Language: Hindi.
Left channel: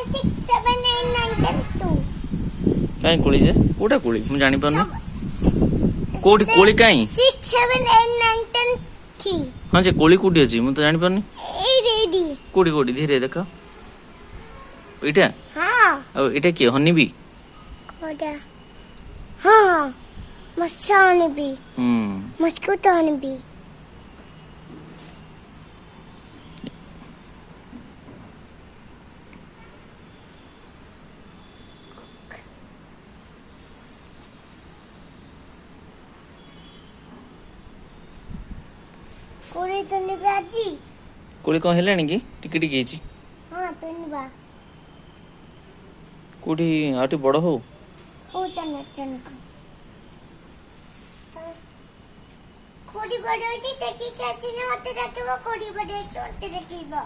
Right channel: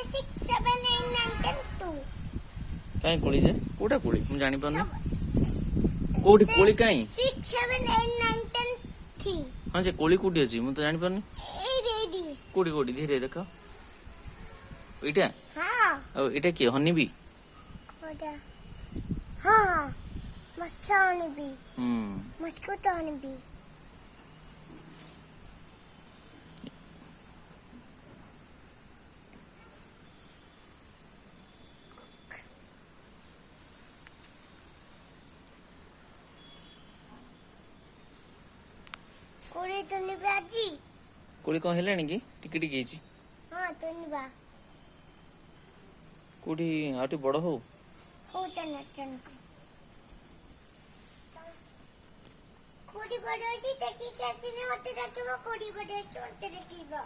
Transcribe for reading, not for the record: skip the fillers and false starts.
6 7 8 9 10 2 काई कोली जे कोटा कोली मु जानि पानी कोठी कोली काई 6 7 8 9 10 3 हां जे कोली कोठी अछि मु तो जानि पानी एडी कोठी कोठी धीरे देखा इटा हां अब इटा के हनी भी कोडा हां मस्तान भी मस्कुतान भी कोरे तो निबाजी कोली कोन हेलानी की टिके टिके छी हां तो निबा कोठी आटी बड़ हो चन कोडी बड़े छी देखि के छी ने मते देखिबो कोडी बड़े छी मते देखिबो